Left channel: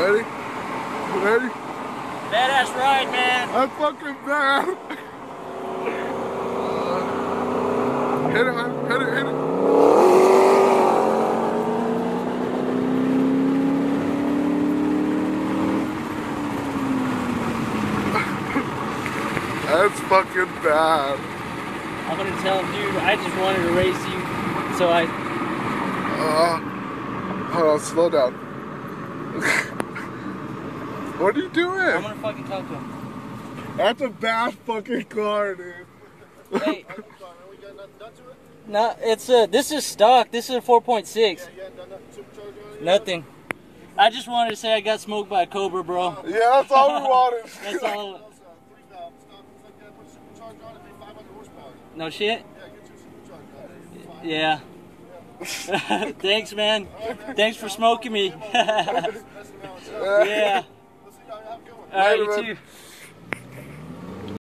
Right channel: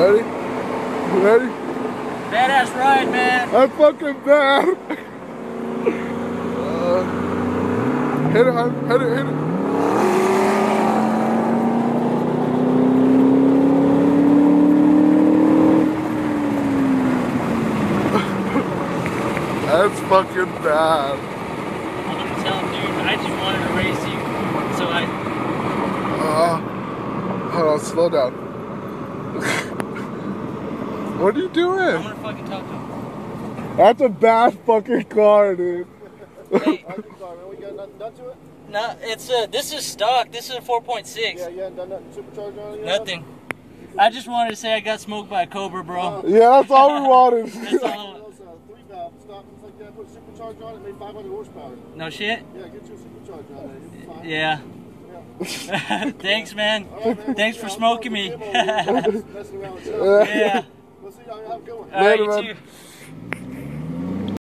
Ready? Ready? Badass ride, man. I'm fucking bad. Hit it, hon. Hit it, hit it. That's fucking bad. I'm gonna tell him, dude, I just wanted to race you, so Hold on, slow down. What are you doing? I'm gonna fucking talk to him. That's a bad fucking car, dude. Hey. No, it's this is stock. This is a 4.6. Yeah, you haven't done nothing supercharged on it? Nothing. I just wanted to say I got smoked by a Cobra, bro. Yeah, that's all we wanted. That's all. Three valve. Stop. It's like you put supercharged on it, maybe 500 horsepower. No shit. Yeah, get your supercharged on it. Yeah. Thanks, man. Right, Thanks for smoking me. Messing around with Yeah. Let's see how you have going. All right, Later, you man. too.